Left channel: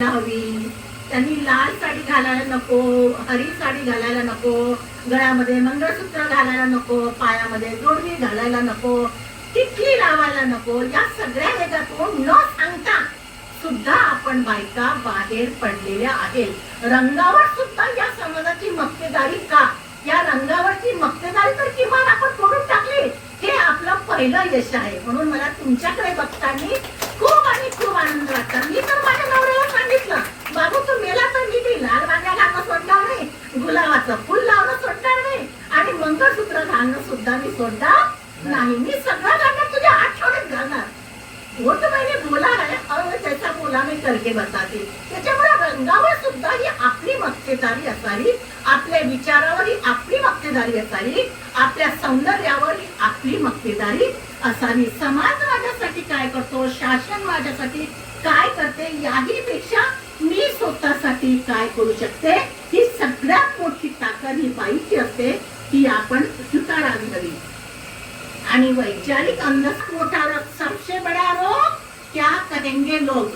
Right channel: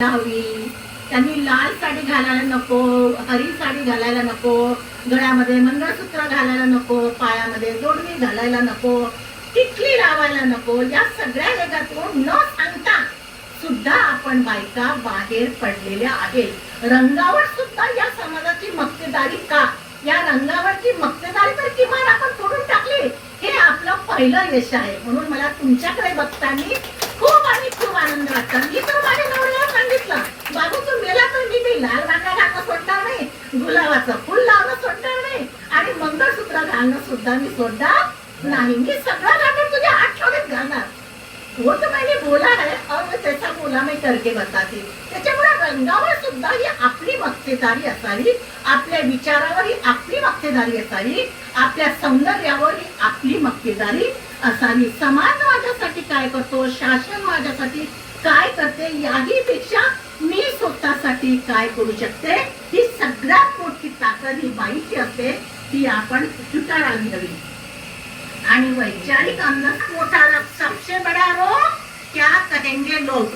हवी त्यांनी लाल साडी घालायला नको हरी साडी घालायला नको गळ्यामध्ये मंगळसूत्र घालायला नको पायामध्ये जोडणी घालायला नको किटली लावायला नको या सगळ्या वेगातून न सांगता सुद्धा आपण बायका बाहेर पडलेल्या आहेत. रंगावर सुद्धा या समाजाची मक्तेदारी का? या रंगावरची मक्तेदारी तर किमान आपण फोडून टाकली. हे आपलं पहिलं यश आहे. म्हणून मला तुमच्याकडे बघताना खूप आणि खूप आनंद वाटतो मी तर माझ्या नवऱ्याला सांगितलं बाबू तू गेला तर मी लाल बांगड्या घालणं सोडणार नाही. गुलाबाचं फुल लावणं सोडणार नाही. आणि मंगळसूत्र घालणं सुद्धा मी सोडणार नाही. मी सगळं घालणार तुझ्या आठवड्यात घालणार. वो तो मैंने बोला है और मैं त्याचा बोला मी करके बताते. त्याच्यामुळे रंगावर सुद्धा ही आपली मक्तेदारी असावी. आपल्या विचारावर ही आपली मक्तेदारी असावी. आपल्या सौंदर्यावर ही आपली मक्तेदारी असावी. समाज माझ्यासाठी काय करतो? शासन माझ्यासाठी काय करते? याही पेक्षा ती काय करू शकते? ती सगळ्यात मोठी ताकद ही बाईची असते ती आपण स्वीकारायला हवी आणि वैचारिक अंधच मोठा सबसे बडा रोग क्या कहेंगे लोक?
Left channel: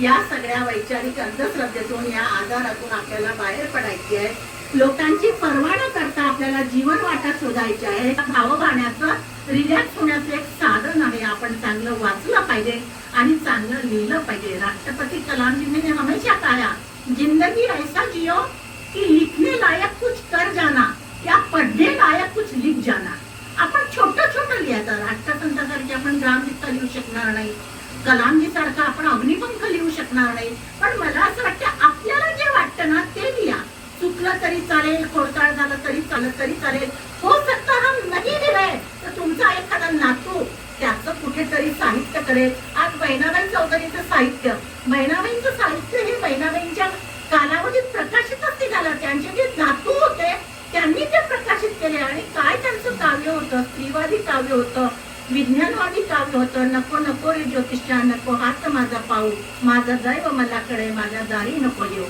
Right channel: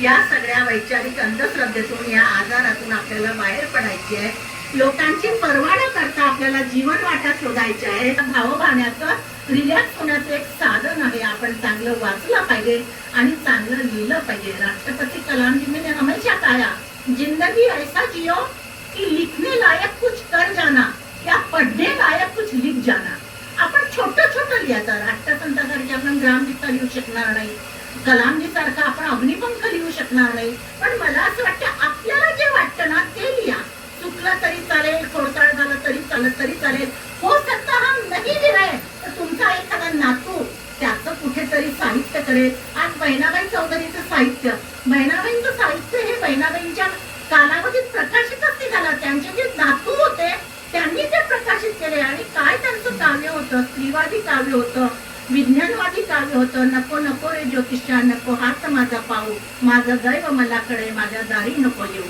या सगळ्या वैचारिक अंधश्रद्धेतून या आजारातून आपल्याला बाहेर पडायची आहे. लोकांची पर्वा न करता आपल्याला जीवन वाटा शोधायचे आहे. भावभाण्याचं रिलॅक्स होण्याचं एक साधन आहे. आपण चांगलं वाचलं पाहिजे आणि चांगलं लिहिलं पाहिजे. राष्ट्रपती कलाम जी हमेशा काया जिंदगी ऐसा जियो कि लिखने लायक कुछ कर जाना या पढ़ने लायक कुछ लिख जाना। आपण छोटं छोटं लिहायचं राष्ट्रसंतासारखे आपण ग्रामगीता लिहू शकणार नाही. कलामजी सारखं आपण अग्निपंख लिहू शकणार नाही. पण मला असं वाटतं आपल्याला जे वाटतं ना ते लिहा. चुकलं तरी चालेल खोडताळ झालं तरी चालत तरी चालेल. हो सकता हम नाही लिहाय तर तुमचा एखादा नातू त्याचं कुठेतरी साहित्य करेल. आज बहिणाबाई चौधरीचं साहित्य. बहिणाबाईंचं साहित्य हे बहिणाबाई त्यांनी ते प्रकाशित केले आणि काय त्यांचं काव्य होतं? स्त्रीवादी काव्य होतं विज्ञानवादी काव्य होतं. नको नको रे ज्योतिषा नको हात माझा पाहू. माझं दैव मला कडे माझ्या दारी नको येऊ.